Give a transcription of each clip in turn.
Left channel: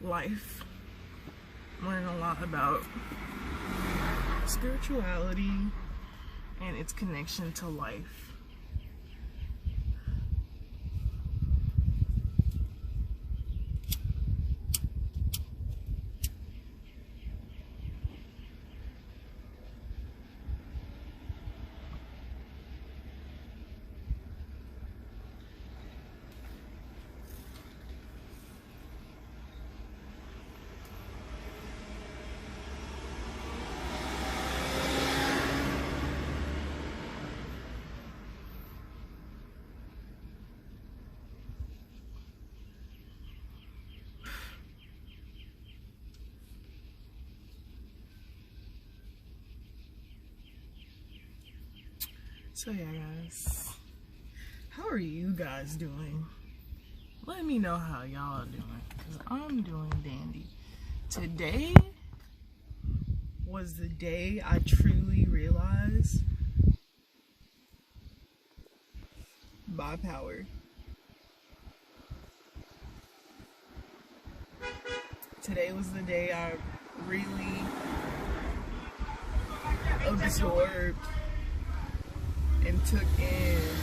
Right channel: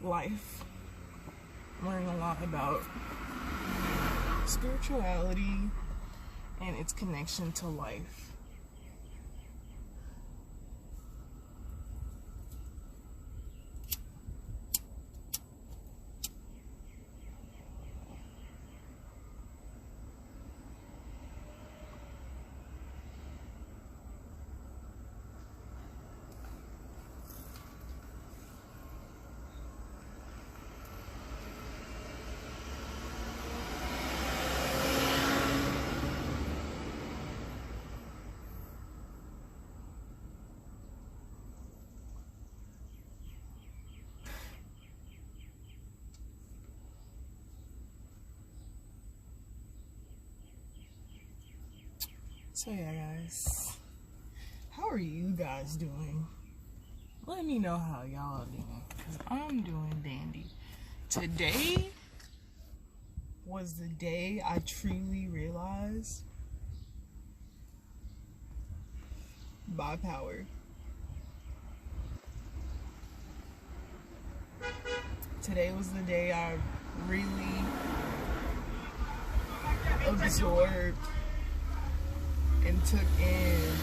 life. I'm learning a lot about spirituality and its connection to life. So yeah, guys, how are you guys doing? Let me know how y'all are doing, because I'm doing dandy. Today was the day I truly realized my power. Today was the day I really absorbed and took in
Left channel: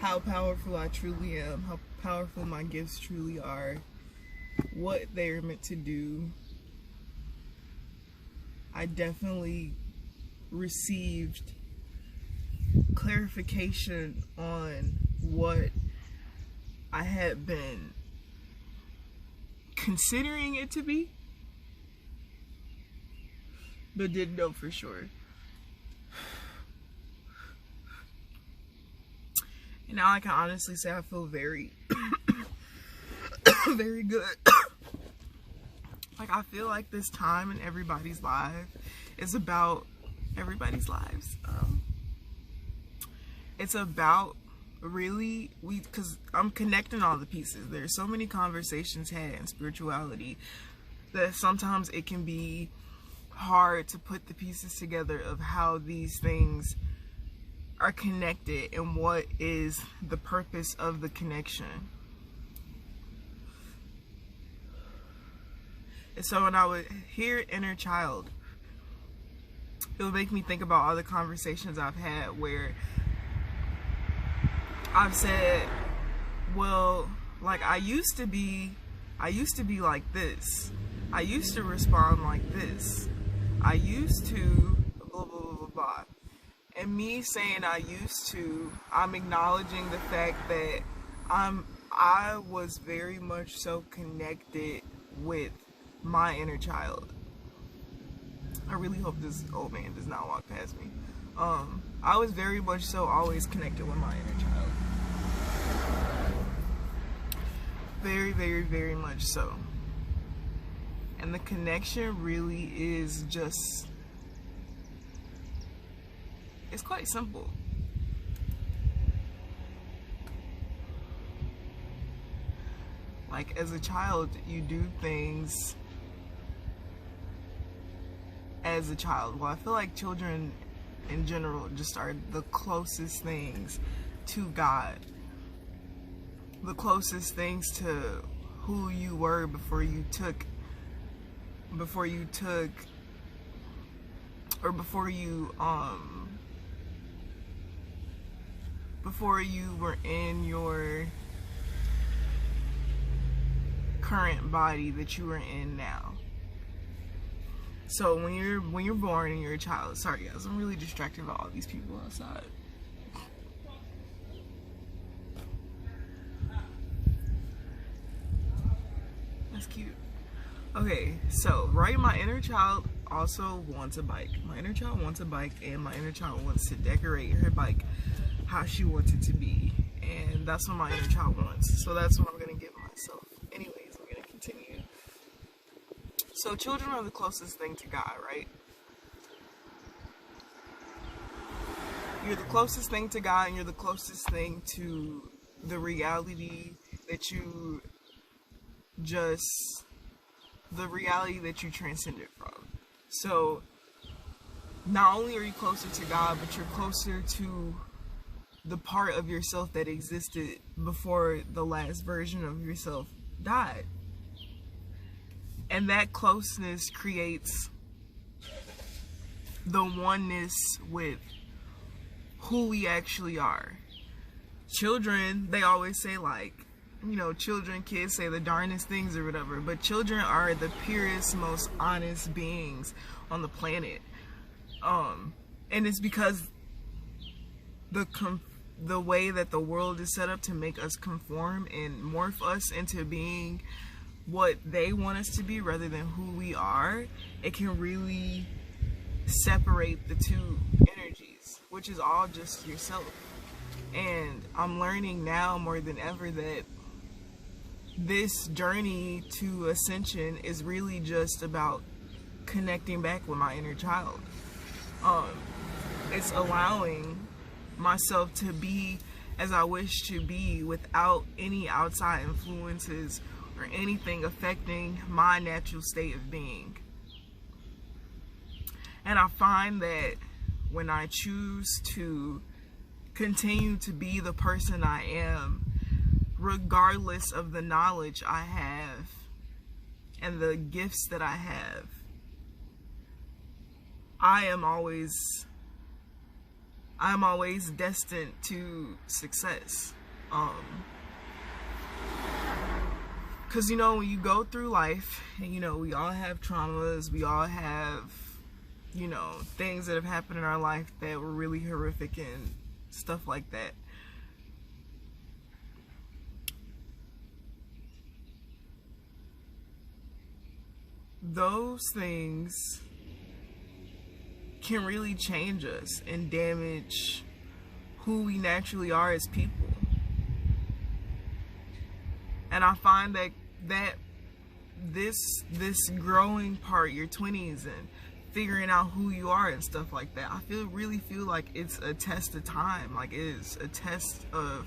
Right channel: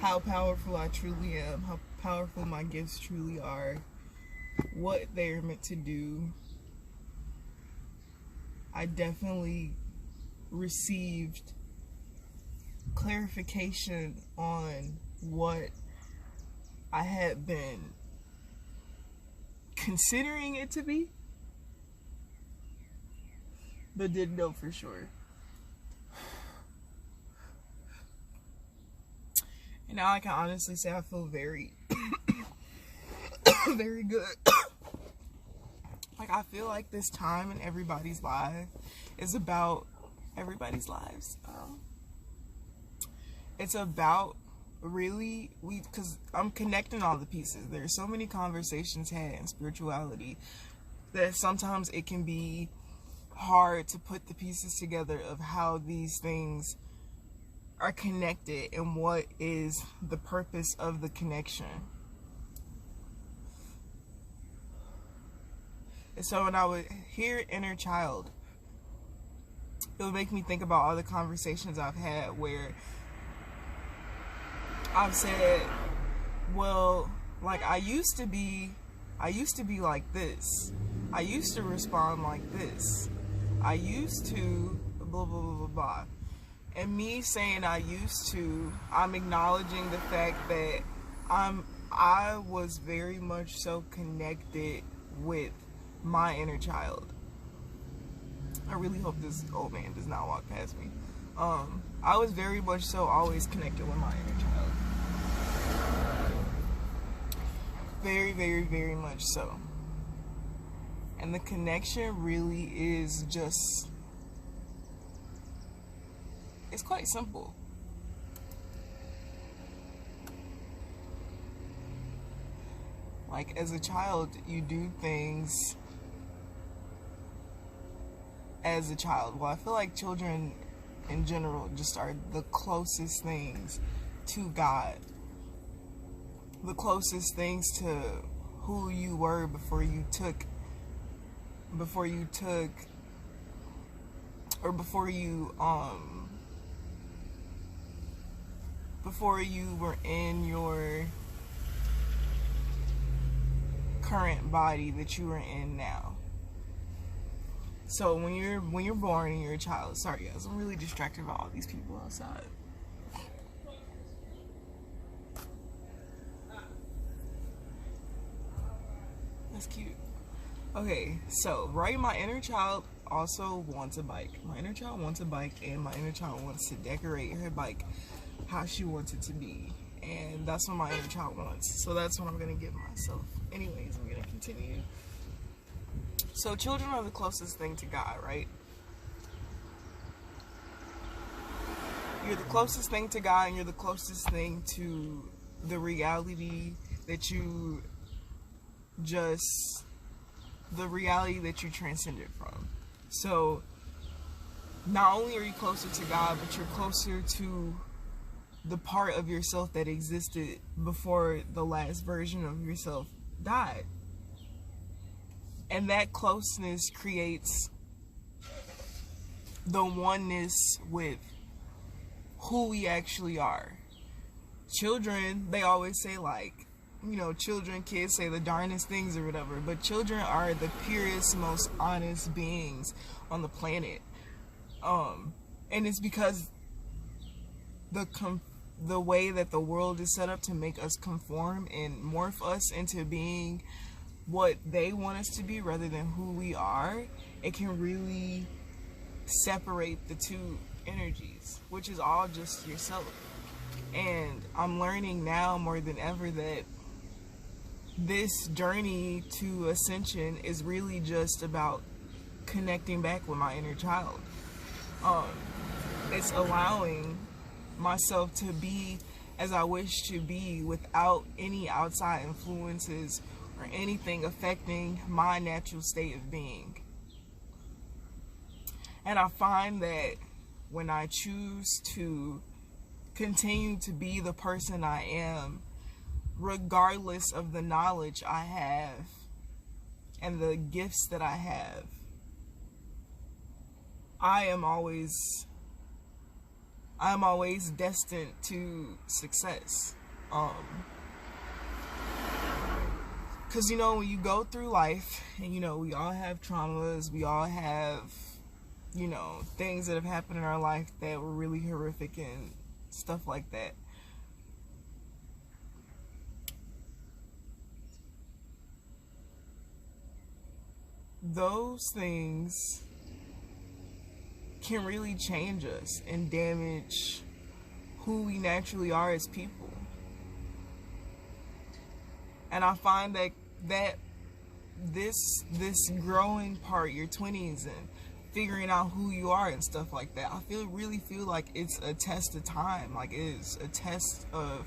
how powerful I truly am, how powerful my gifts truly are, what they're meant to do. I definitely received clarification on what I had been considering it to be, but didn't know for sure. And now I can honestly say I feel very, very good. Like, I feel like this time in everybody's life is about everybody's lives. It's about really, because I'm connecting all the pieces. There's so many conversations had in spirituality that sometimes it can be hard to put the pieces together of how these things are connected and what is the purpose of the connection. And so when I would hear inner child, it would make me think about all the conversations I've had where I've said, well, like I used to be like this. I used to respond like this. I used to blah, blah, blah, blah, blah. And me saying I used to, I'm acknowledging the fact that I was very much so connected with my inner child. I really hope this old man does not walk past me. I was very much so always connected with my inner child. Very, very, very much so. And the connection really is just, it's quite simple. Like, as a child, you do things as a child. Well, I feel like children in general just are the closest things to God. The closest things to who you were before you were in your current body that you are in now. So when you're born and you're a child, sorry guys, I'm really distracted by all these people outside. That's cute. Okay, so right, my inner child also wants a bike. My inner child wants a bike, and my inner child wants to decorate her bike how she wants it to be. And that's what my inner child wants. So that's what I'm gonna give myself. Anyways, I'm gonna continue. So children are the closest thing to God, right? You're the closest thing to God, and you're the closest thing to the reality that you transcended from. So not only are you closer to God, but you're closer to the part of yourself that existed before the last version of yourself died. And that closeness creates the oneness with who we actually are. Children, they always say, like, you know, kids say the darnest things or whatever, but children are the purest, most honest beings on the planet. And it's because the way that the world is set up to make us conform and morph us into being what they want us to be rather than who we are, it can really separate the two energies, which is all just yourself. And I'm learning now more than ever that this journey to ascension is really just about connecting back with my inner child. It's allowing myself to be as I wish to be without any outside influences or anything affecting my natural state of being. And I find that when I choose to continue to be the person I am, regardless of the knowledge I have and the gifts that I have, I am always destined to success. Because, you know, when you go through life, and, you know, we all have traumas, we all have, you know, things that have happened in our life that were really horrific and stuff like that. Those things can really change us and damage who we naturally are as people. And I find that this growing part, your 20s, and figuring out who you are and stuff like that, I really feel like it's a test of time. Like, it is a test of,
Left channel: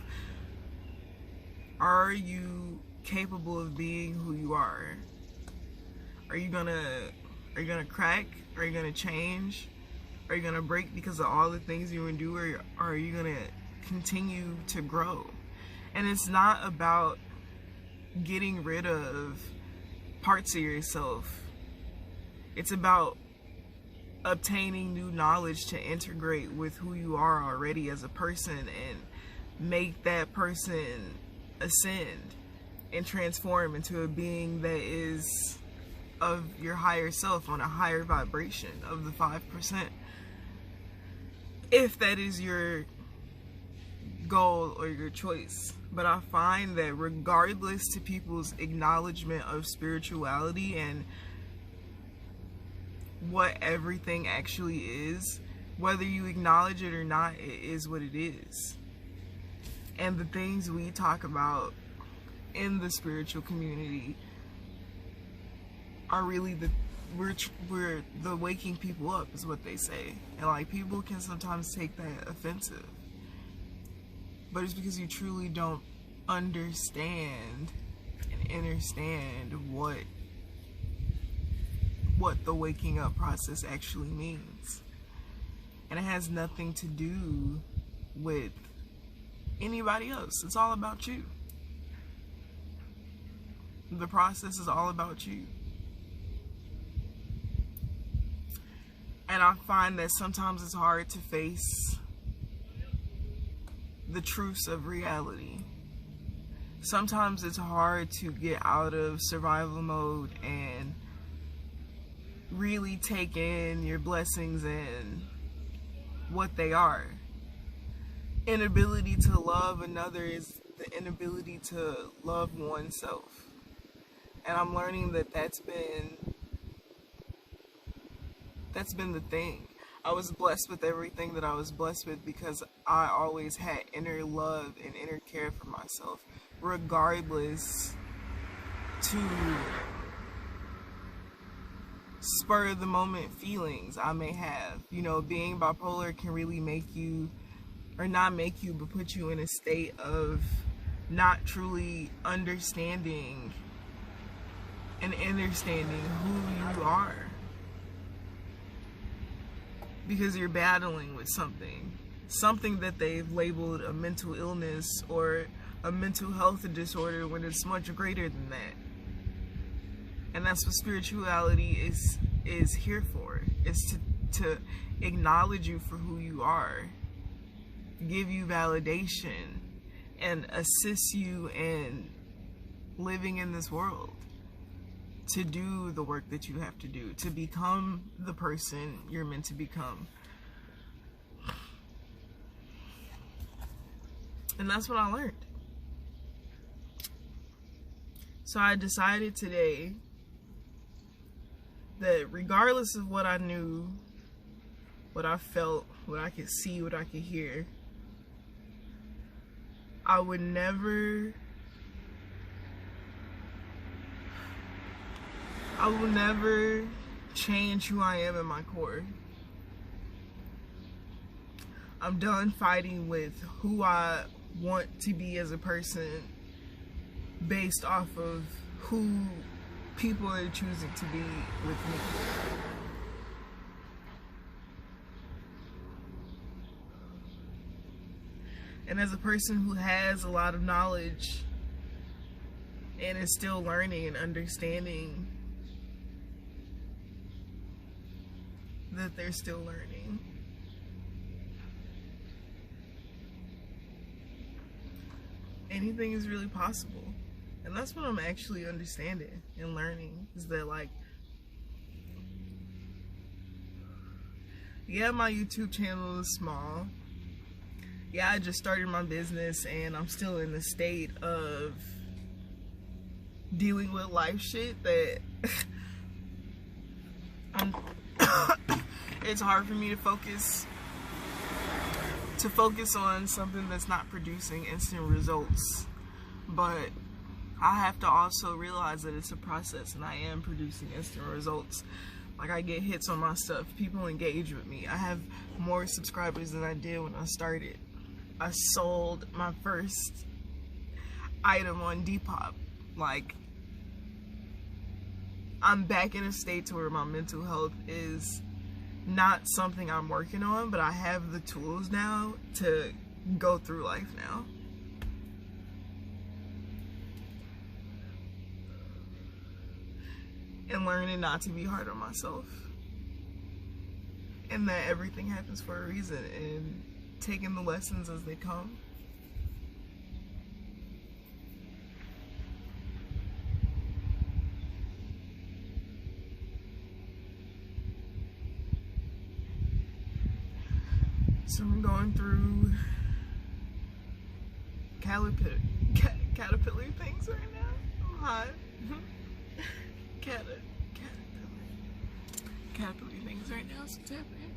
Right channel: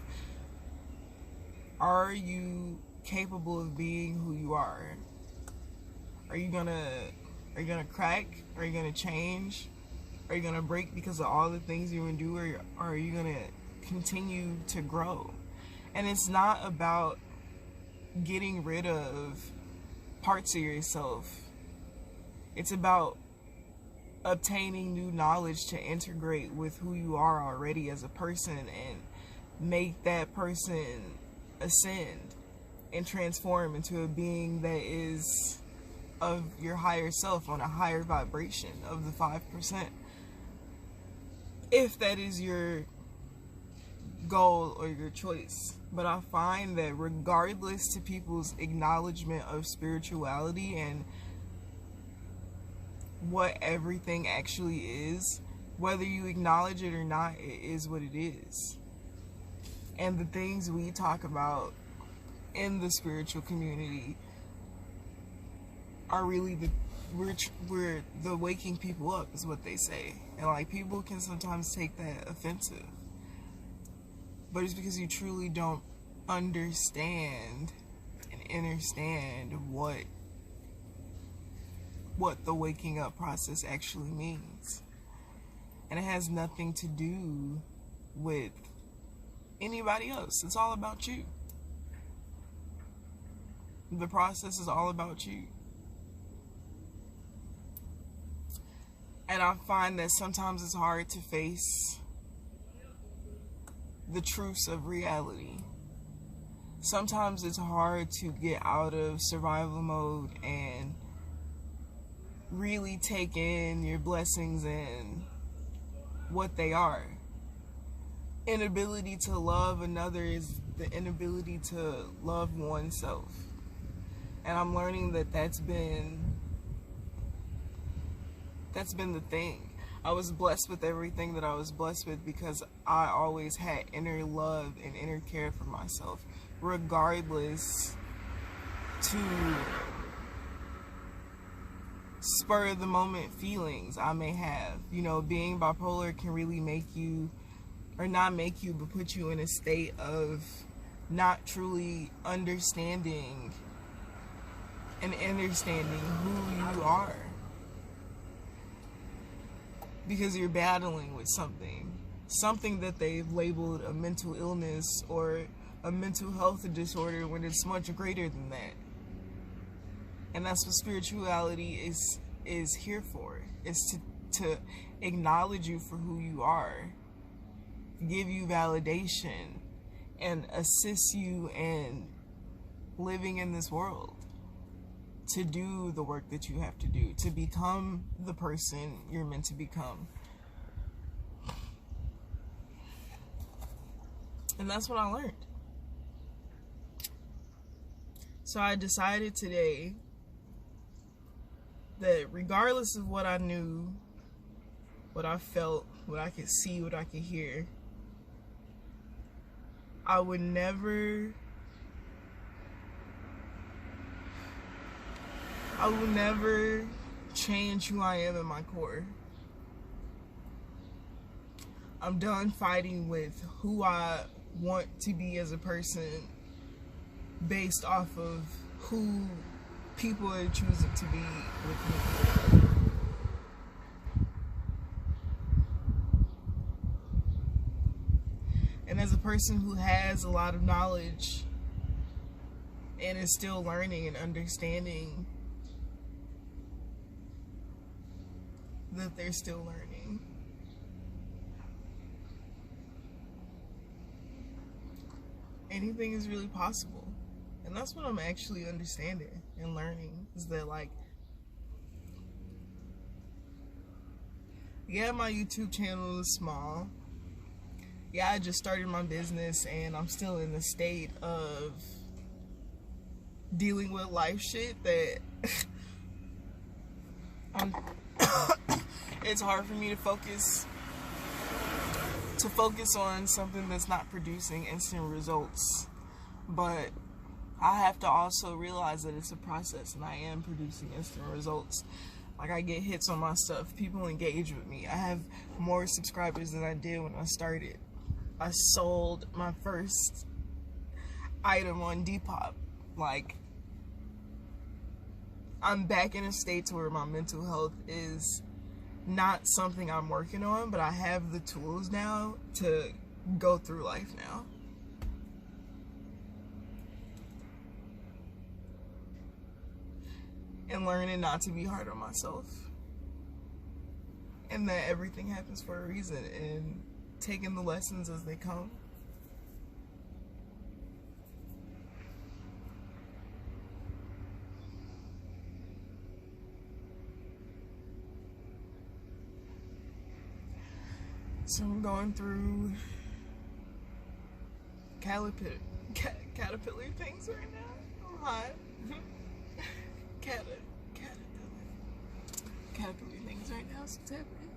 are you capable of being who you are? Are you gonna crack? Are you gonna change? Are you gonna break because of all the things you endure? Or are you gonna continue to grow? And it's not about getting rid of parts of yourself. It's about obtaining new knowledge to integrate with who you are already as a person and make that person ascend and transform into a being that is of your higher self, on a higher vibration of the 5%. If that is your goal or your choice. But I find that regardless to people's acknowledgement of spirituality and what everything actually is, whether you acknowledge it or not, it is what it is. And the things we talk about in the spiritual community are really we're the waking people up, is what they say. And like, people can sometimes take that offensive, but it's because you truly don't understand and understand what the waking up process actually means. And it has nothing to do with anybody else. It's all about you. The process is all about you. And I find that sometimes it's hard to face the truths of reality. Sometimes it's hard to get out of survival mode and really take in your blessings and what they are. Inability to love another is the inability to love oneself. And I'm learning that that's been the thing. I was blessed with everything that I was blessed with because I always had inner love and inner care for myself, regardless to spur of the moment feelings I may have. You know, being bipolar can really make you, or not make you, but put you in a state of not truly understanding and understanding who you are. Because you're battling with something that they've labeled a mental illness or a mental health disorder, when it's much greater than that. And that's what spirituality is here for. It's to acknowledge you for who you are, give you validation, and assist you in living in this world, to do the work that you have to do, to become the person you're meant to become. And that's what I learned. So I decided today that regardless of what I knew, what I felt, what I could see, what I could hear, I would never change who I am in my core. I'm done fighting with who I want to be as a person based off of who people are choosing to be with me. And as a person who has a lot of knowledge and is still learning and understanding that they're still learning, anything is really possible. And that's what I'm actually understanding and learning, is that, like, yeah, my YouTube channel is small. Yeah, I just started my business and I'm still in the state of dealing with life shit that it's hard for me to focus on something that's not producing instant results. But I have to also realize that it's a process, and I am producing instant results. Like, I get hits on my stuff, people engage with me. I have more subscribers than I did when I started. I sold my first item on Depop. Like, I'm back in a state to where my mental health is not something I'm working on, but I have the tools now to go through life now. And learning not to be hard on myself. And that everything happens for a reason, and taking the lessons as they come. So I'm going through caterpillar things right now. I'm hot. Caterpillar things right now. So it's happening.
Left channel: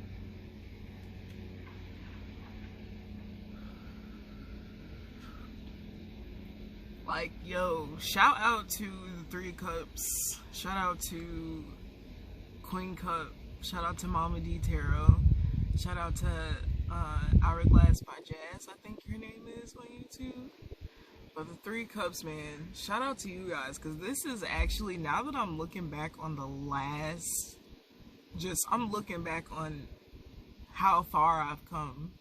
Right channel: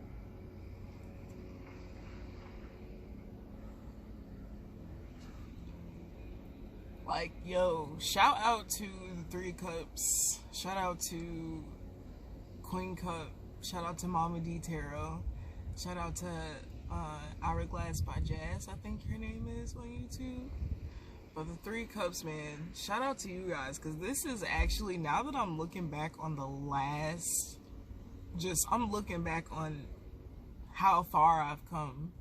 Like, yo, shout out to the 3 Cups. Shout out to Queen Cup. Shout out to Mama D Tarot. Shout out to Hourglass by Jazz, I think her name is on YouTube. But the 3 Cups, man, shout out to you guys, because this is actually, now that I'm looking back on I'm looking back on how far I've come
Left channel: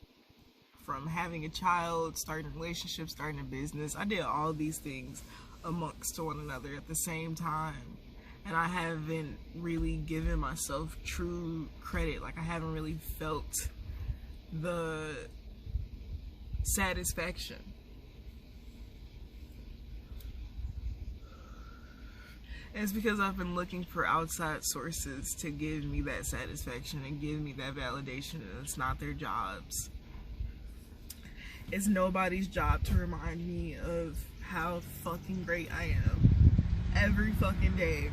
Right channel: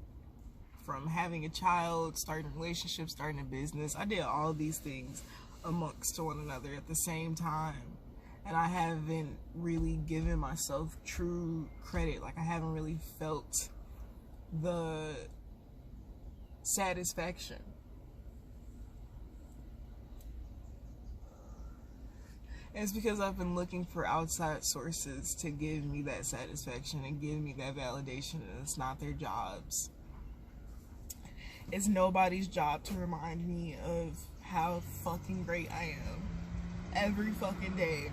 from having a child, starting a relationship, starting a business. I did all these things amongst one another at the same time. And I haven't really given myself true credit. Like, I haven't really felt the satisfaction. And it's because I've been looking for outside sources to give me that satisfaction and give me that validation, and it's not their jobs. It's nobody's job to remind me of how fucking great I am every fucking day.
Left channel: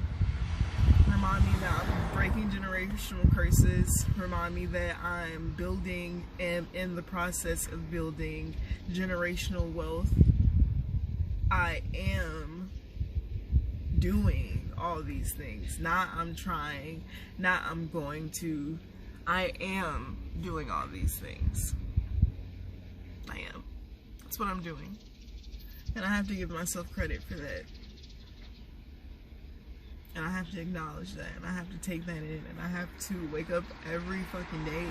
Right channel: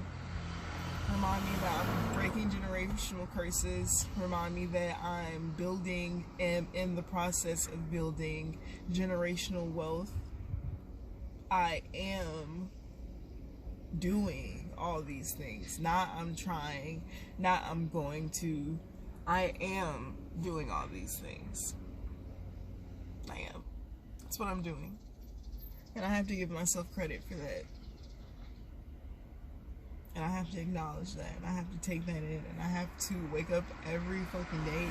Remind me that I'm breaking generational curses. Remind me that I'm building and in the process of building generational wealth. I am doing all these things. Not I'm trying, not I'm going to. I am doing all these things. I am. That's what I'm doing. And I have to give myself credit for that. And I have to acknowledge that, and I have to take that in, and I have to wake up every fucking day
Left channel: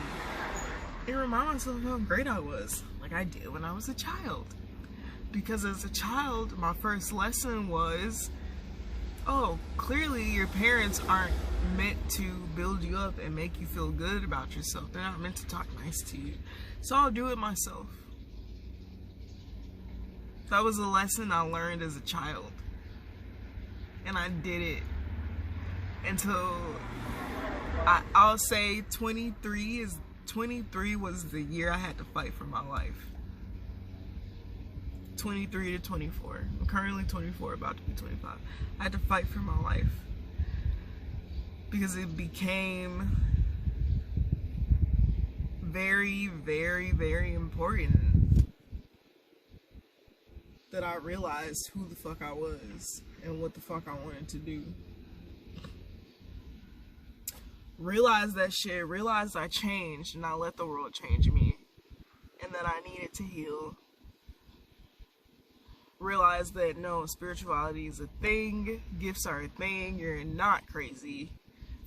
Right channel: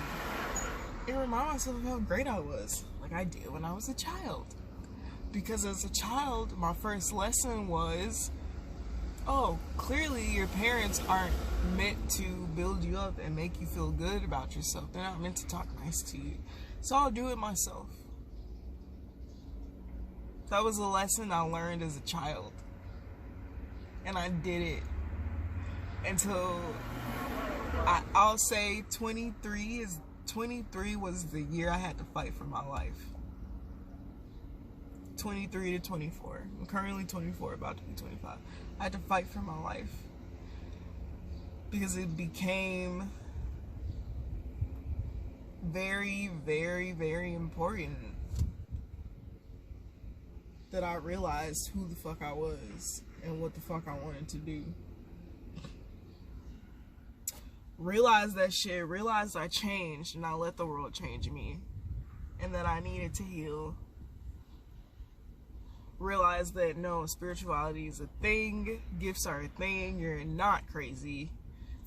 and remind myself of how great I was, like I did when I was a child. Because as a child, my first lesson was, oh, clearly your parents aren't meant to build you up and make you feel good about yourself. They're not meant to talk nice to you. So I'll do it myself. That was a lesson I learned as a child. And I did it until I'll say 23 was the year I had to fight for my life. 23 to 24. I'm currently 24, about to be 25. I had to fight for my life because it became very, very, very important that I realized who the fuck I was and what the fuck I wanted to do. Realized that shit, realized I changed and I let the world change me and that I needed to heal. Realize that no, spirituality is a thing, gifts are a thing, you're not crazy.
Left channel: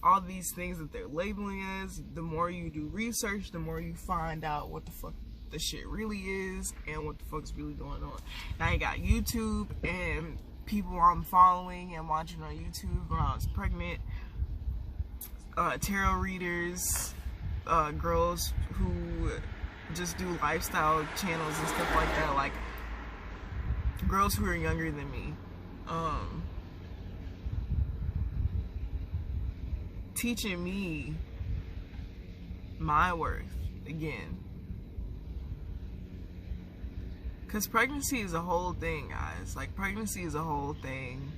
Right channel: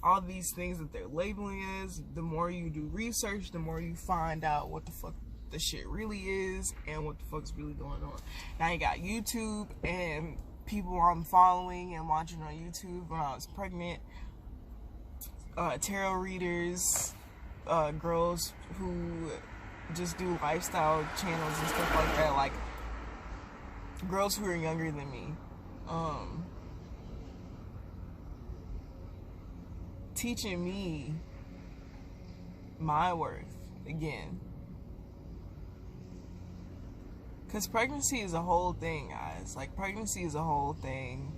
All these things that they're labeling as, the more you do research, the more you find out what the fuck the shit really is and what the fuck's really going on. Now you got YouTube and people I'm following and watching on YouTube when I was pregnant, tarot readers, girls who just do lifestyle channels and stuff like that, like girls who are younger than me, teaching me my worth again. Because pregnancy is a whole thing, guys. Like, pregnancy is a whole thing.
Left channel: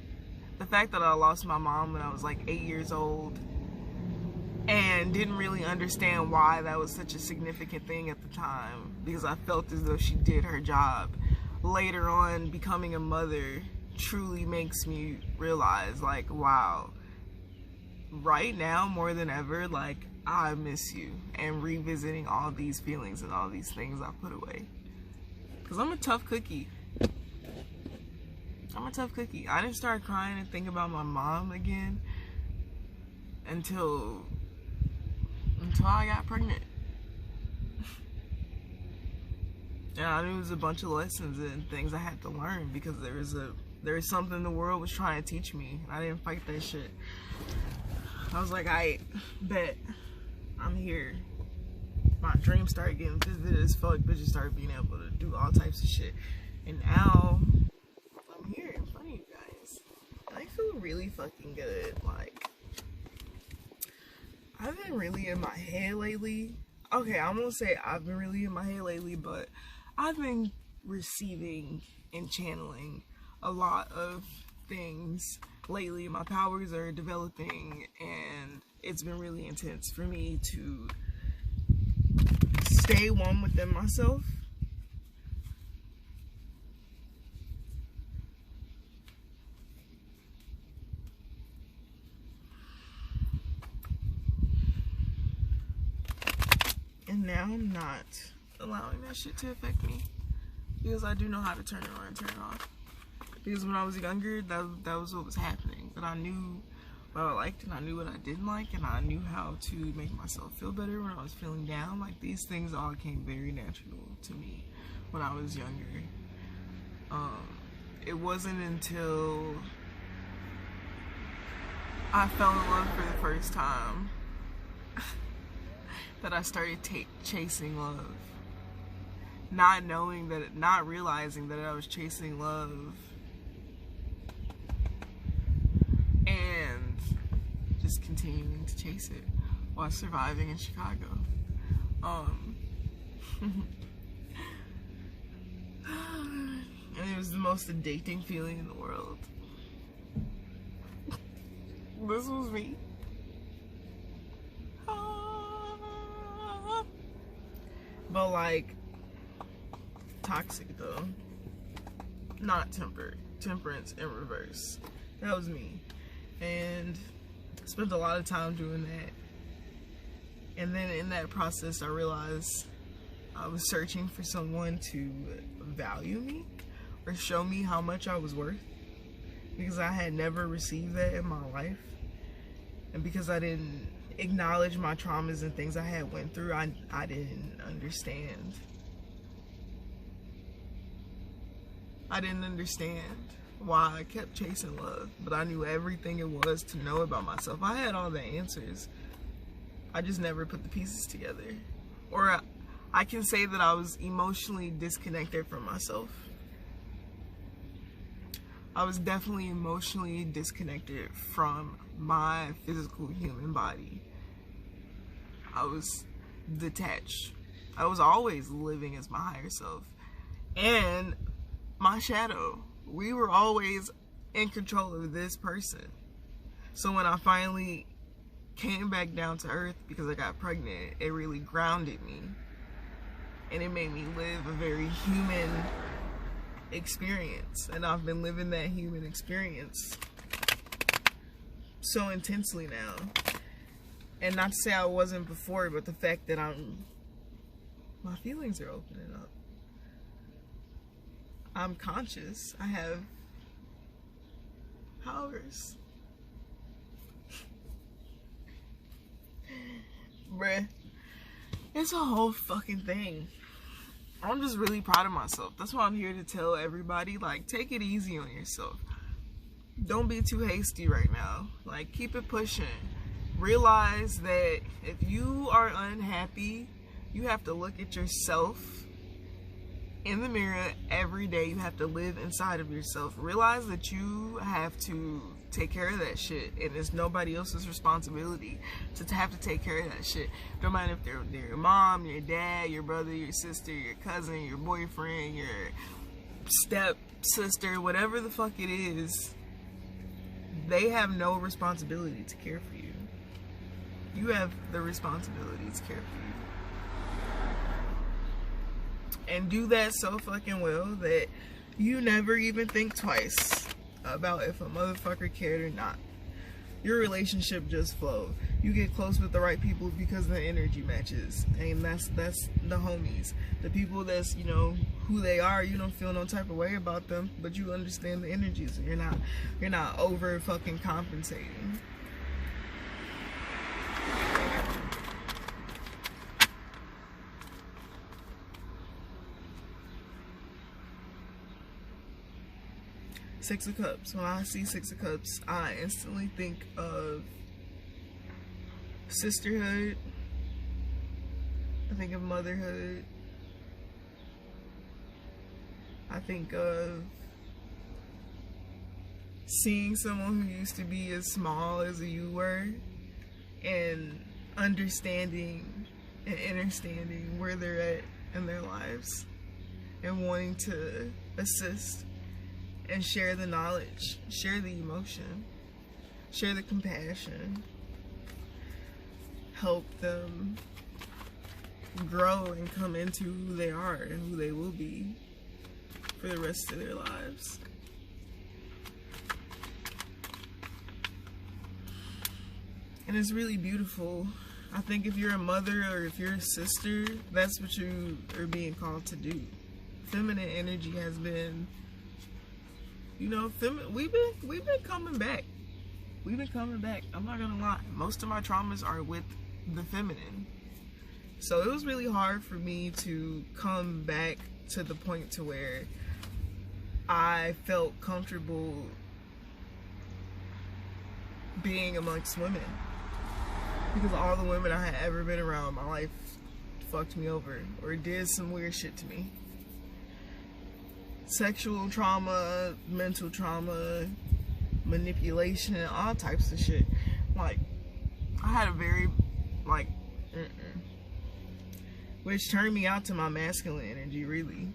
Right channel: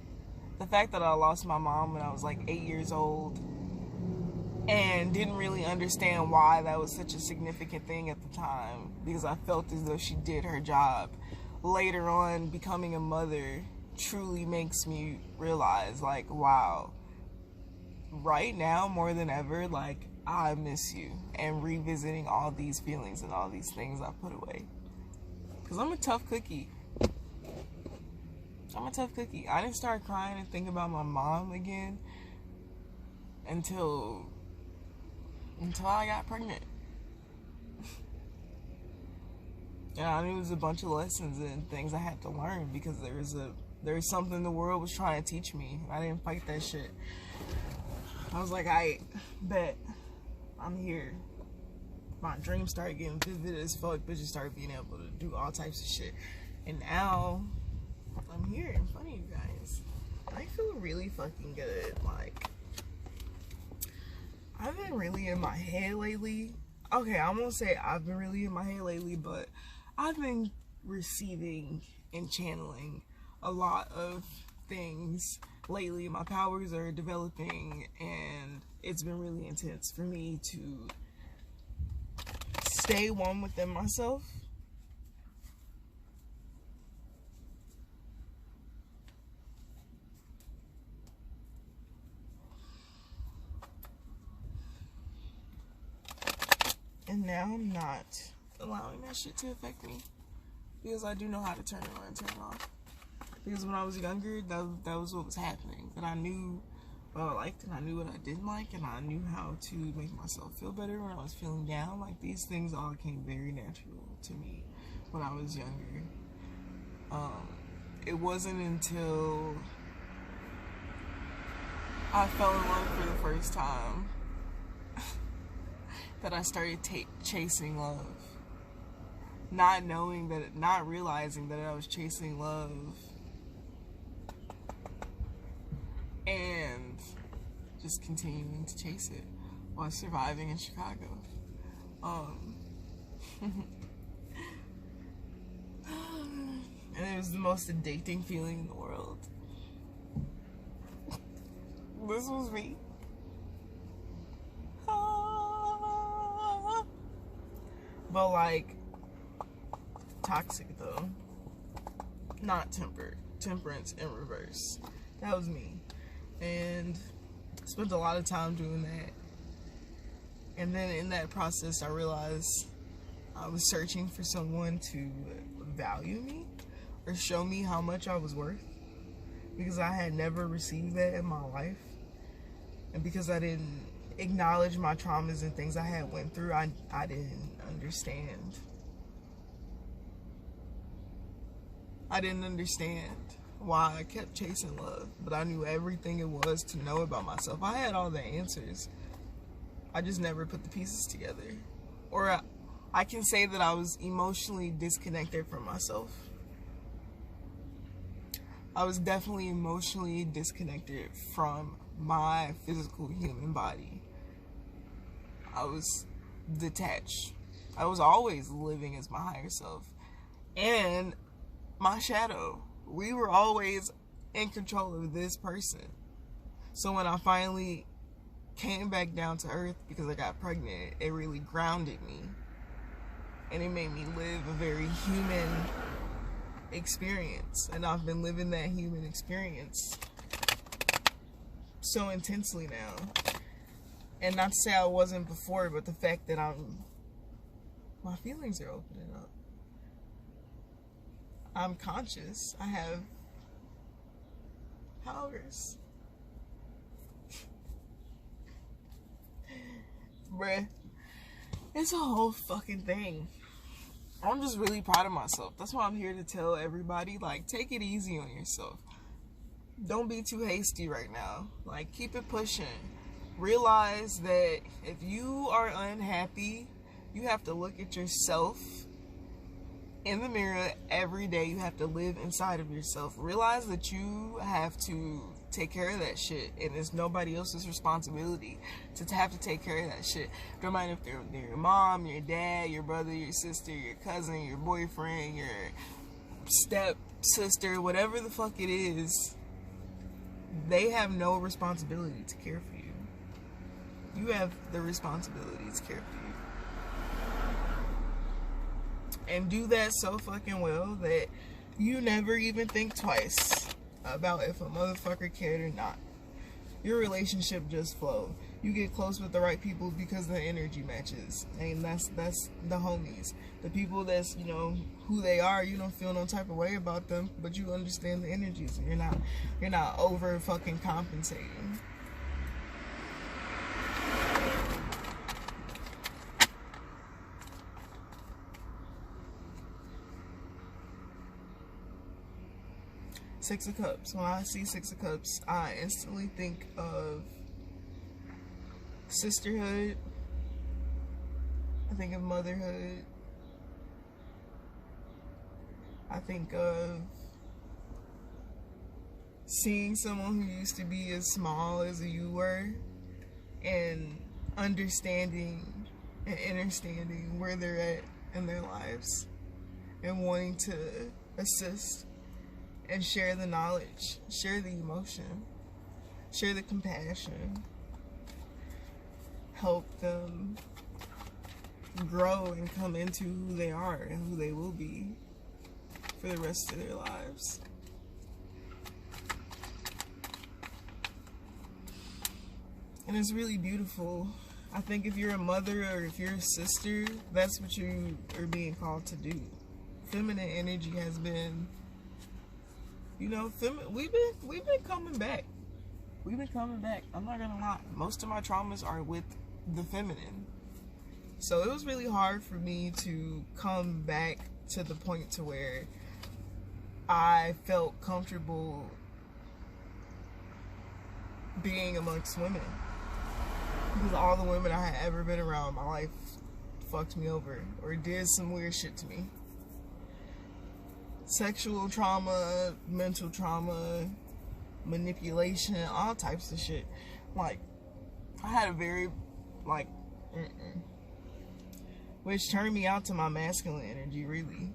The fact that I lost my mom when I was like 8 years old and didn't really understand why that was such a significant thing at the time, because I felt as though she did her job. Later on, becoming a mother truly makes me realize, like, wow, right now more than ever, like, I miss you, and revisiting all these feelings and all these things I put away. Because I'm a tough cookie. I'm a tough cookie. I didn't start crying and think about my mom again until I got pregnant. And I knew it was a bunch of lessons and things I had to learn, because there was something the world was trying to teach me, and I didn't fight that shit. I was like, I bet I'm here. My dreams started getting vivid as fuck. Bitches started being able to do all types of shit, and now I'm here in front of you guys. I feel really fucking good. Like, I've been really in my head lately. Okay, I'm gonna say I've been really in my head lately, but I've been receiving and channeling a lot of things lately. My powers are developing, and it's been really intense for me to stay one within myself. And now I'm not allowing that shit to affect me, because I do know how to turn it on and turn it off. Because when I was younger, that was what was happening. But I knew what I liked, and I knew what I didn't like, and I knew how to make myself feel better when I was feeling down. Like, these things all came very natural to me when I was younger. It wasn't until I fell in love for the first time that I started chasing love. Not realizing that I was chasing love, and just continuing to chase it while surviving in Chicago. And it was the most addicting feeling in the world. This was me. But, like, toxic though. Not tempered. Temperance in reverse. That was me. And I spent a lot of time doing that. And then in that process, I realized I was searching for someone to value me or show me how much I was worth, because I had never received that in my life. And because I didn't acknowledge my traumas and things I had went through, I didn't understand. I didn't understand why I kept chasing love, but I knew everything it was to know about myself. I had all the answers. I just never put the pieces together. Or I can say that I was emotionally disconnected from myself. I was definitely emotionally disconnected from my physical human body. I was detached. I was always living as my higher self. And my shadow. We were always in control of this person. So when I finally came back down to earth because I got pregnant, it really grounded me. And it made me live a very human experience. And I've been living that human experience so intensely now. And not to say I wasn't before, but the fact that my feelings are opening up. I'm conscious. I have powers. Bruh, it's a whole fucking thing. I'm just really proud of myself. That's why I'm here to tell everybody, like, take it easy on yourself. Don't be too hasty right now. Like, keep it pushing. Realize that if you are unhappy, you have to look at yourself in the mirror every day. You have to live inside of yourself. Realize that you have to take care of that shit, and it's nobody else's responsibility to have to take care of that shit. Don't matter if they're your mom, your dad, your brother, your sister, your cousin, your boyfriend, your step sister, whatever the fuck it is. They have no responsibility to care for you. You have the responsibility to care for you. And do that so fucking well that you never even think twice about if a motherfucker cared or not. Your relationship just flow. You get close with the right people because the energy matches. And that's the homies. The people that's, you know, who they are. You don't feel no type of way about them, but you understand the energies. You're not over fucking compensating. Six of Cups. When I see Six of Cups, I instantly think of sisterhood. I think of motherhood. I think of seeing someone who used to be as small as you were and understanding and understanding where they're at in their lives and wanting to assist and share the knowledge, share the emotion, share the compassion, help them grow and come into who they are and who they will be for the rest of their lives. And it's really beautiful. I think if you're a mother or if you're a sister, that's what you are being called to do. Feminine energy has been, you know, we've been coming back. We've been coming back. I'm not gonna lie. Most of my traumas are with the feminine. So it was really hard for me to come back to the point to where I felt comfortable being amongst women. Because all the women I had ever been around in my life fucked me over or did some weird shit to me. Sexual trauma, mental trauma, manipulation, all types of shit. Like, I had a very, like, which turned me out to my masculine energy, really.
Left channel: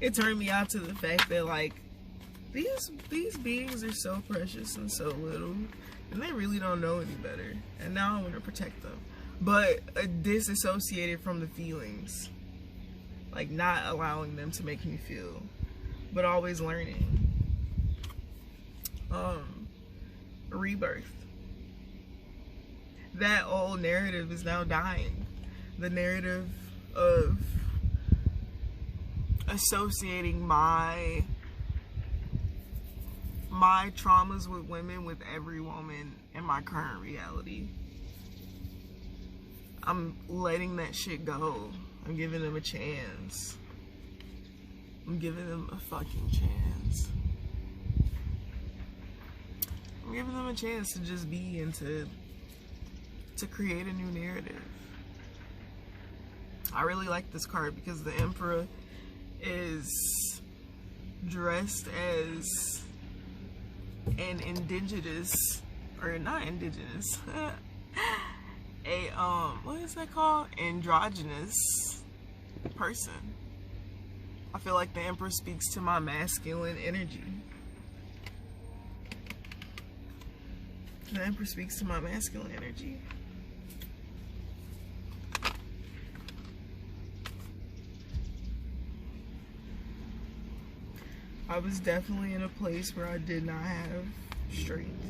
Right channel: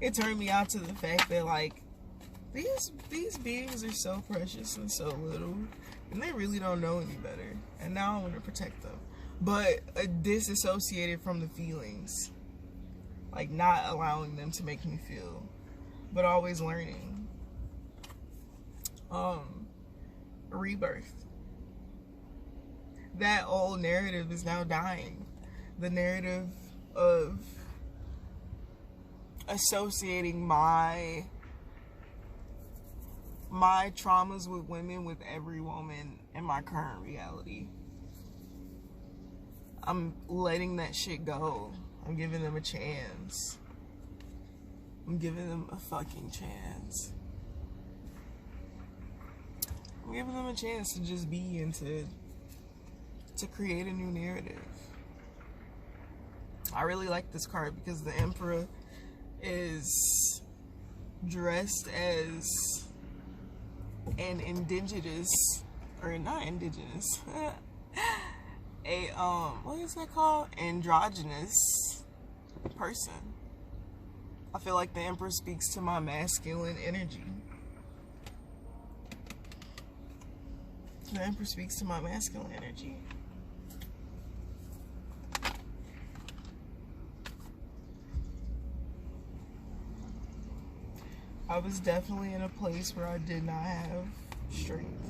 It turned me out to the fact that, like, these beings are so precious and so little, and they really don't know any better. And now I want to protect them, but disassociated from the feelings. Like, not allowing them to make me feel, but always learning. Rebirth. That old narrative is now dying. The narrative of associating my traumas with women with every woman in my current reality. I'm letting that shit go. I'm giving them a chance. I'm giving them a fucking chance. I'm giving them a chance to just be and to create a new narrative. I really like this card because the Emperor is dressed as an indigenous, or not indigenous, a what is that called? Androgynous person. I feel like the Emperor speaks to my masculine energy. The Emperor speaks to my masculine energy. I was definitely in a place where I did not have strength.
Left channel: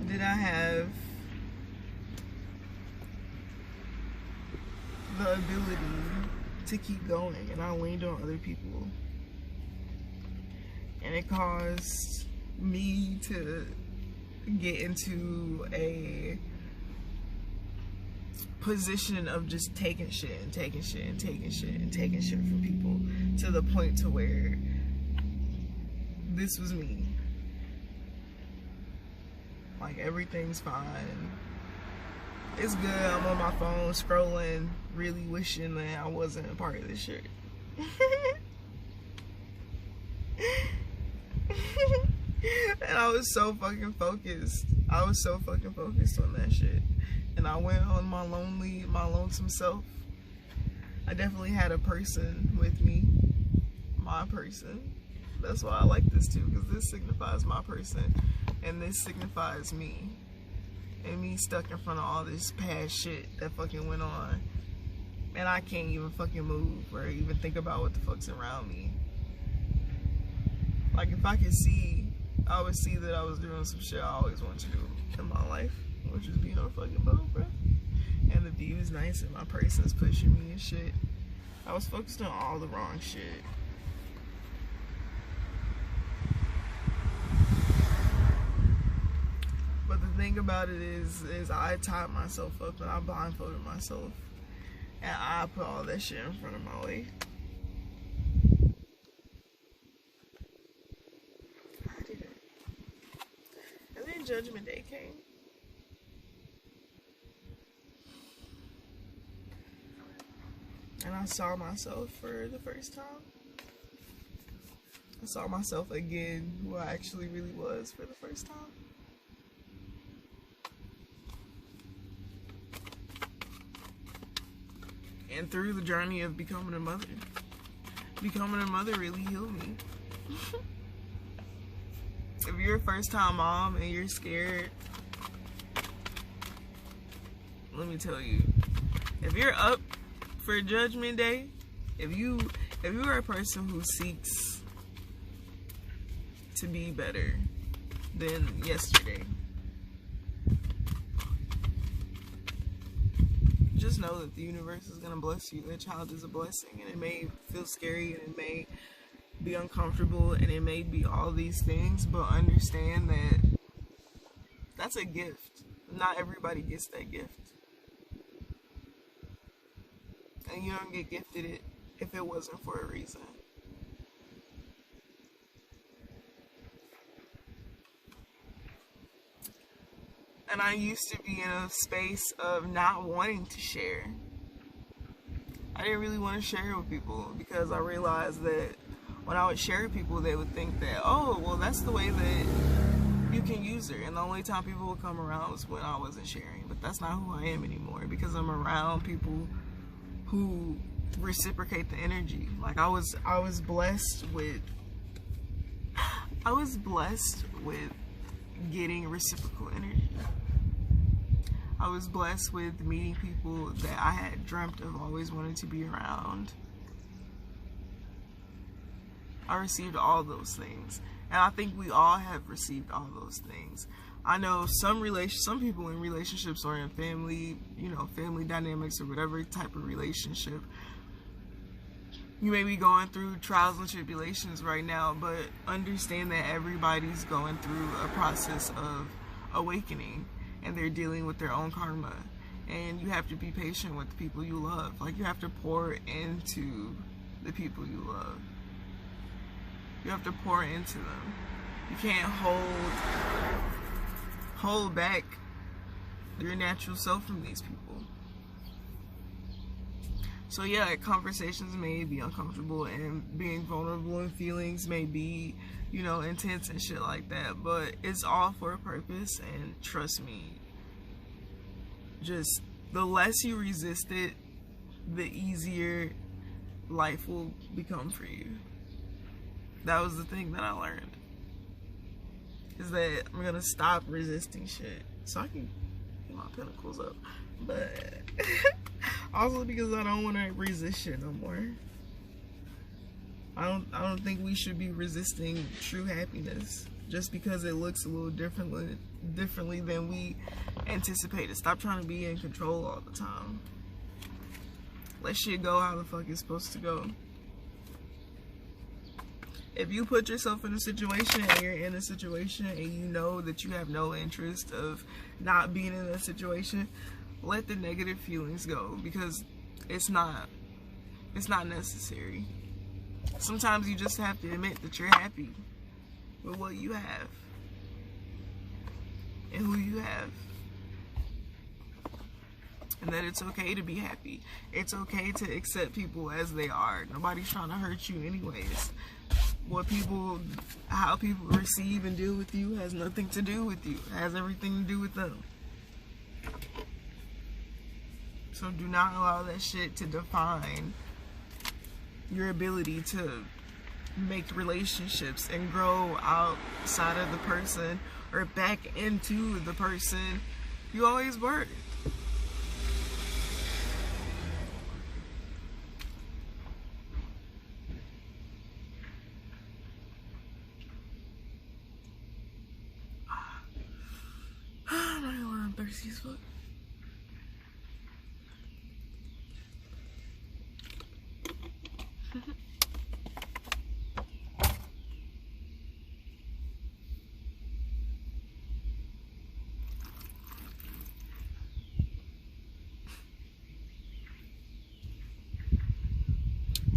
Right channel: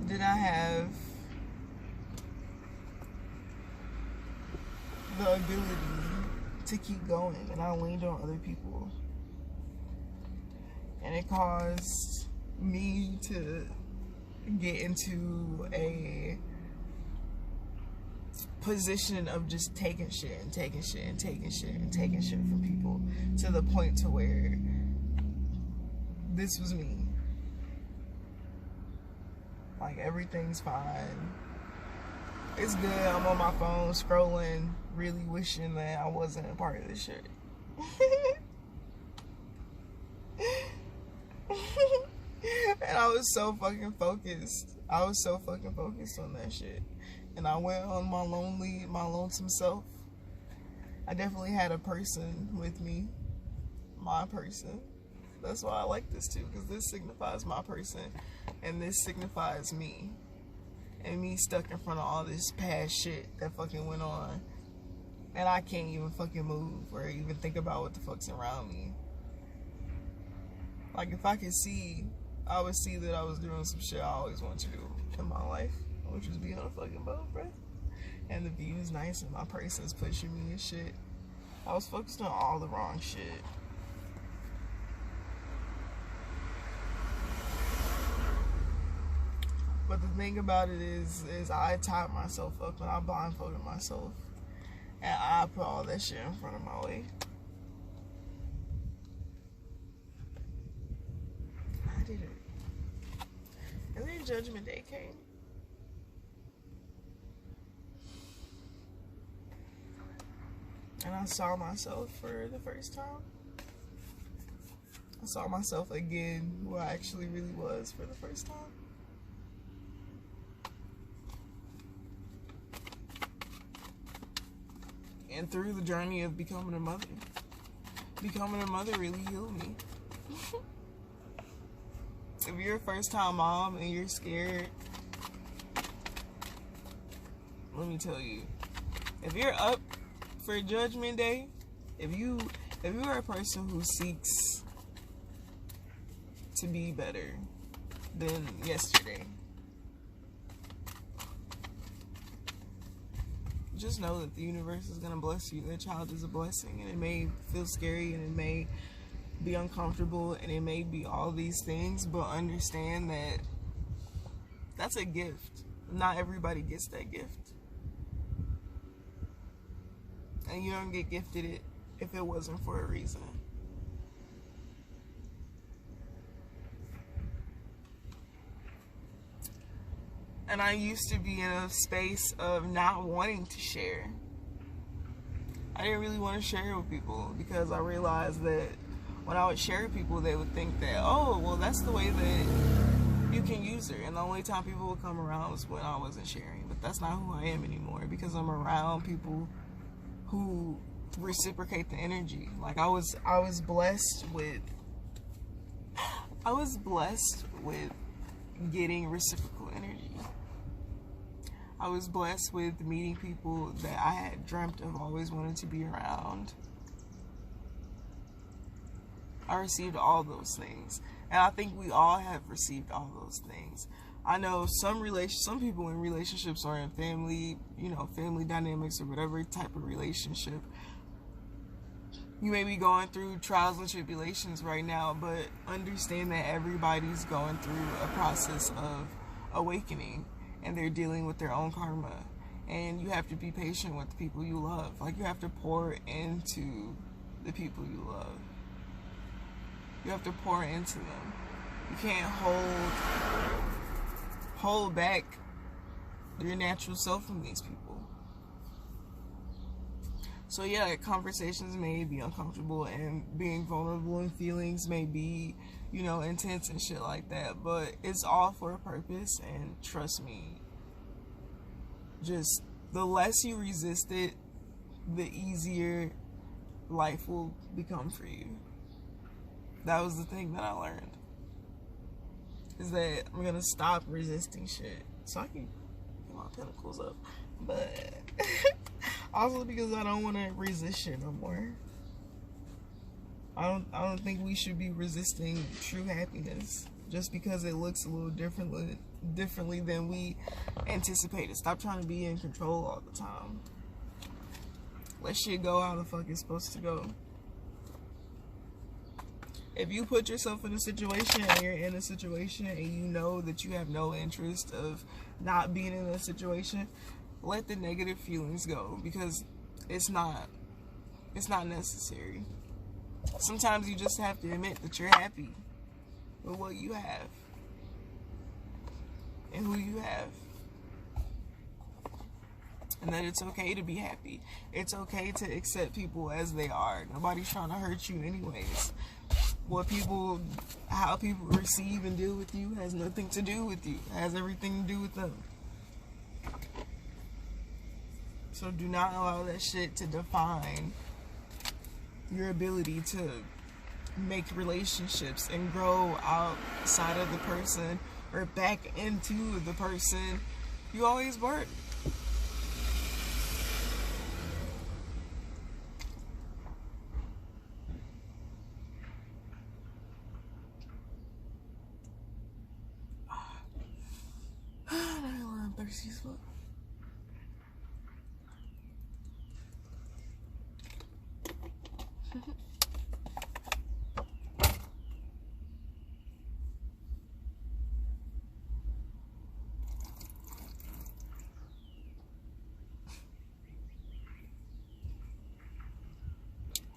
I did not have the ability to keep going, and I leaned on other people. And it caused me to get into a position of just taking shit and taking shit and taking shit and taking shit from people, to the point to where this was me. Like, everything's fine. It's good. I'm on my phone scrolling, really wishing that I wasn't a part of this shit. And I was so fucking focused. I was so fucking focused on that shit. And I went on my lonesome self. I definitely had a person with me. My person. That's why I like this too, because this signifies my person. And this signifies me. And me stuck in front of all this past shit that fucking went on. And I can't even fucking move or even think about what the fuck's around me. Like, if I could see, I would see that I was doing some shit I always wanted to do in my life, which is be on a fucking boat, bruh. And the view is nice and my person's pushing me and shit. I was focused on all the wrong shit. But the thing about it is I tied myself up and I blindfolded myself. And I put all that shit in front of my way. I did it. And then Judgment Day came. And I saw myself for the first time. I saw myself again, who I actually really was for the first time. And through the journey of becoming a mother really healed me. If you're a first-time mom and you're scared, let me tell you, if you're up for Judgment Day, if you are a person who seeks to be better than yesterday, just know that the universe is going to bless you. That child is a blessing, and it may feel scary and it may be uncomfortable and it may be all these things, but understand that that's a gift. Not everybody gets that gift. And you don't get gifted it if it wasn't for a reason. And I used to be in a space of not wanting to share. I didn't really want to share with people because I realized that when I would share with people, they would think that, oh, well, that's the way that you can use her. And the only time people would come around was when I wasn't sharing. But that's not who I am anymore, because I'm around people who reciprocate the energy. Like, I was blessed with getting reciprocal energy. I was blessed with meeting people that I had dreamt of always wanting to be around. I received all those things. And I think we all have received all those things. I know some people in relationships or in family, family dynamics or whatever type of relationship, you may be going through trials and tribulations right now, but understand that everybody's going through a process of awakening, and they're dealing with their own karma, And you have to be patient with the people you love. Like, you have to pour into the people you love. You have to pour into them. You can't hold back your natural self from these people. So yeah, conversations may be uncomfortable, and being vulnerable and feelings may be, you know, intense and shit like that, but it's all for a purpose. And trust me, just the less you resist it, the easier life will become for you. That was the thing that I learned, is that I'm gonna stop resisting shit so I can get my pinnacles up. But also because I don't want to resist shit no more. I don't think we should be resisting true happiness just because it looks a little differently than we anticipated. Stop trying to be in control all the time. Let shit go how the fuck it's supposed to go. If you put yourself in a situation, and you're in a situation and you know that you have no interest of not being in that situation, let the negative feelings go, because it's not necessary. Sometimes you just have to admit that you're happy with what you have and who you have, and that it's okay to be happy. It's okay to accept people as they are. Nobody's trying to hurt you anyways. How people receive and deal with you has nothing to do with you. It has everything to do with them. So do not allow that shit to define your ability to make relationships and grow outside of the person or back into the person you always were. I'm thirsty as fuck.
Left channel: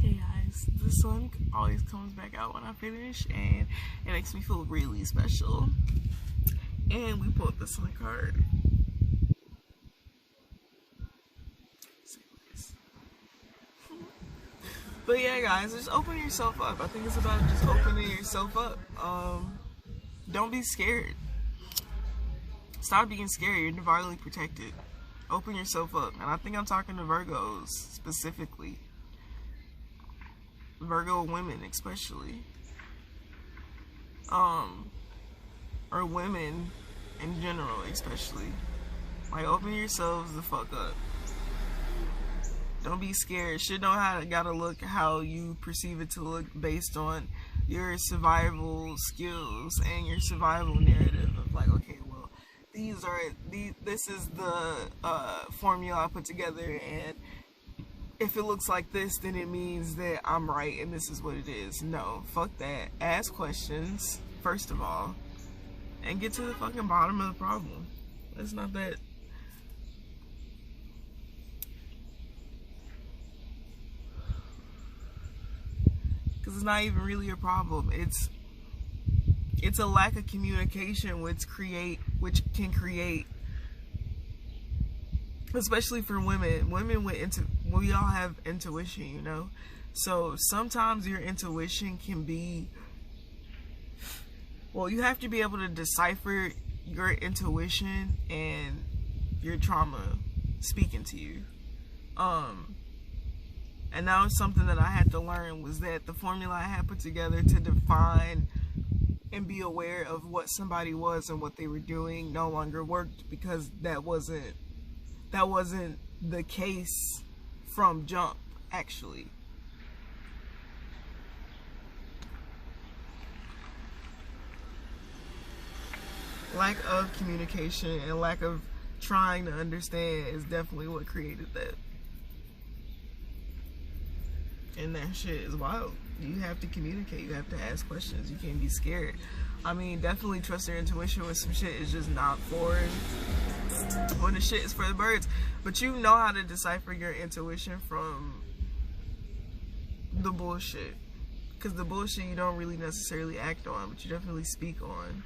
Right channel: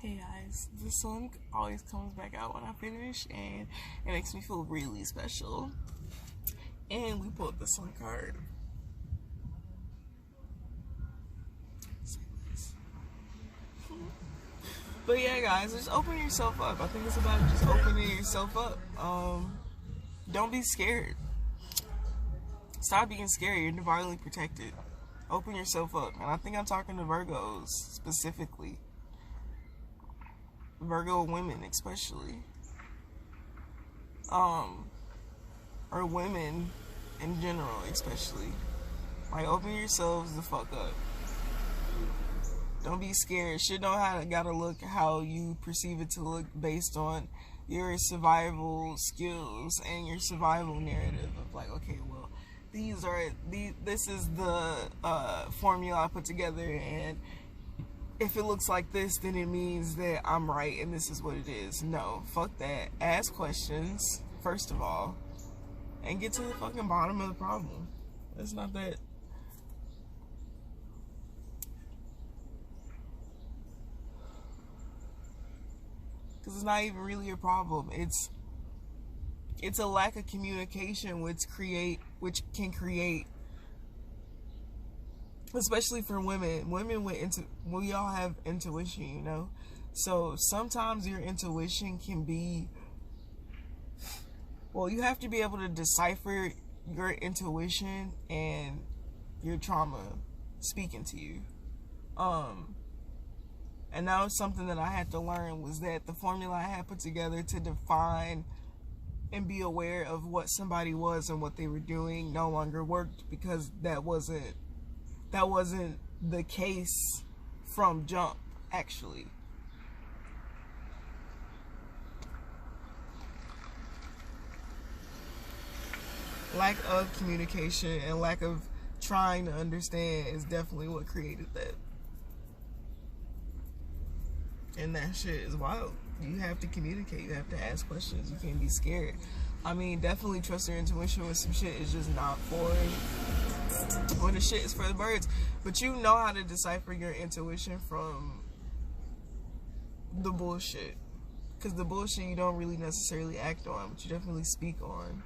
Hey guys, the sun always comes back out when I finish, and it makes me feel really special. And we pulled the sun card. But yeah, guys, just open yourself up. I think it's about just opening yourself up. Don't be scared. Stop being scared. You're divinely protected. Open yourself up. And I think I'm talking to Virgos specifically. Virgo women especially. Or women in general especially. Like, open yourselves the fuck up. Don't be scared. Shit don't gotta look how you perceive it to look based on your survival skills and your survival narrative of like, okay, well, this is the formula I put together, and if it looks like this, then it means that I'm right and this is what it is. No, fuck that. Ask questions, first of all, and get to the fucking bottom of the problem. It's not that. Because it's not even really a problem. It's a lack of communication which can create, especially for women. We all have intuition, you know? So sometimes your intuition can be, well, you have to be able to decipher your intuition and your trauma speaking to you. And that was something that I had to learn, was that the formula I had put together to define and be aware of what somebody was and what they were doing no longer worked, because that wasn't the case from jump, actually. Lack of communication and lack of trying to understand is definitely what created that. And that shit is wild. You have to communicate. You have to ask questions. You can't be scared. I mean, definitely trust your intuition when some shit is just not for it. When the shit is for the birds. But you know how to decipher your intuition from the bullshit. Because the bullshit you don't really necessarily act on, but you definitely speak on.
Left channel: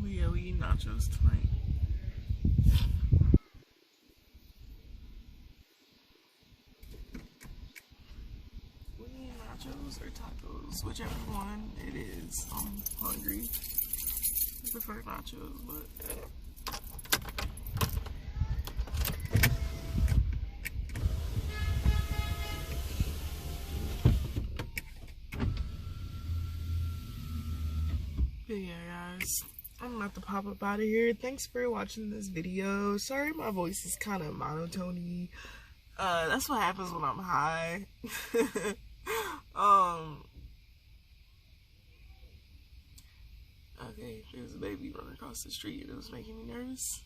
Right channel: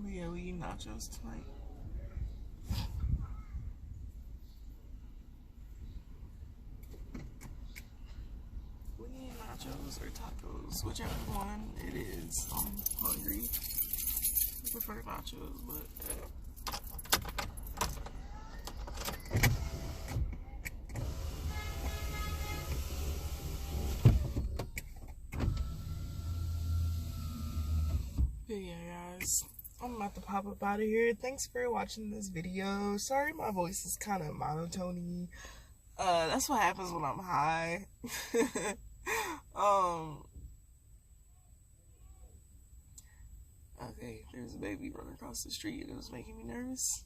But yeah, we eat nachos tonight. We eat nachos or tacos, whichever one it is. I'm hungry. I prefer nachos, but yeah, guys, I'm about to pop up out of here. Thanks for watching this video. Sorry my voice is kind of monotone-y. That's what happens when I'm high. Okay, there's a baby running across the street and it was making me nervous.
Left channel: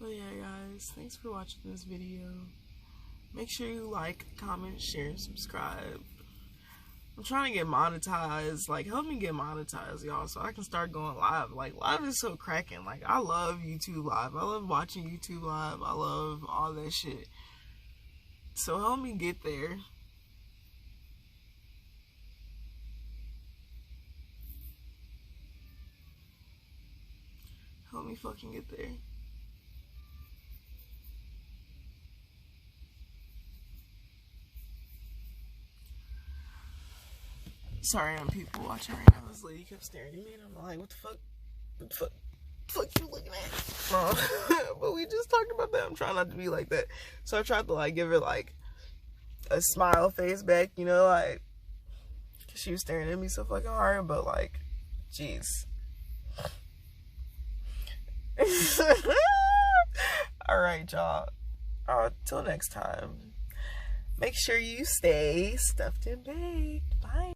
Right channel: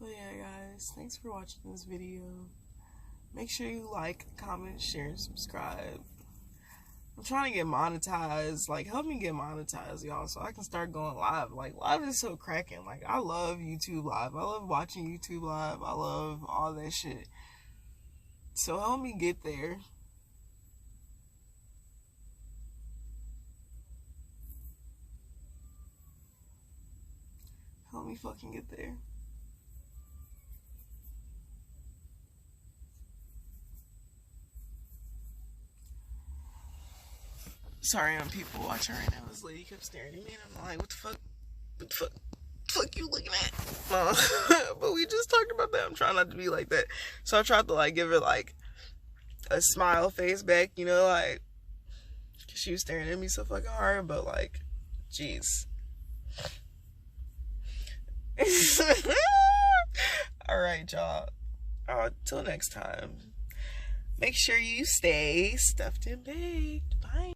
But yeah, guys, thanks for watching this video. Make sure you like, comment, share, and subscribe. I'm trying to get monetized. Like, help me get monetized, y'all, so I can start going live. Like, live is so cracking. Like, I love YouTube Live. I love watching YouTube Live. I love all that shit. So help me get there. Help me fucking get there. Sorry, I'm people watching right now. This lady kept staring at me and I'm like, what the fuck? What the fuck? What the fuck you looking at? But we just talked about that. I'm trying not to be like that. So I tried to like give her like a smile face back, you know, like, cause she was staring at me so fucking hard, but like, jeez. Alright, y'all. Till next time. Make sure you stay stuffed and baked. Bye.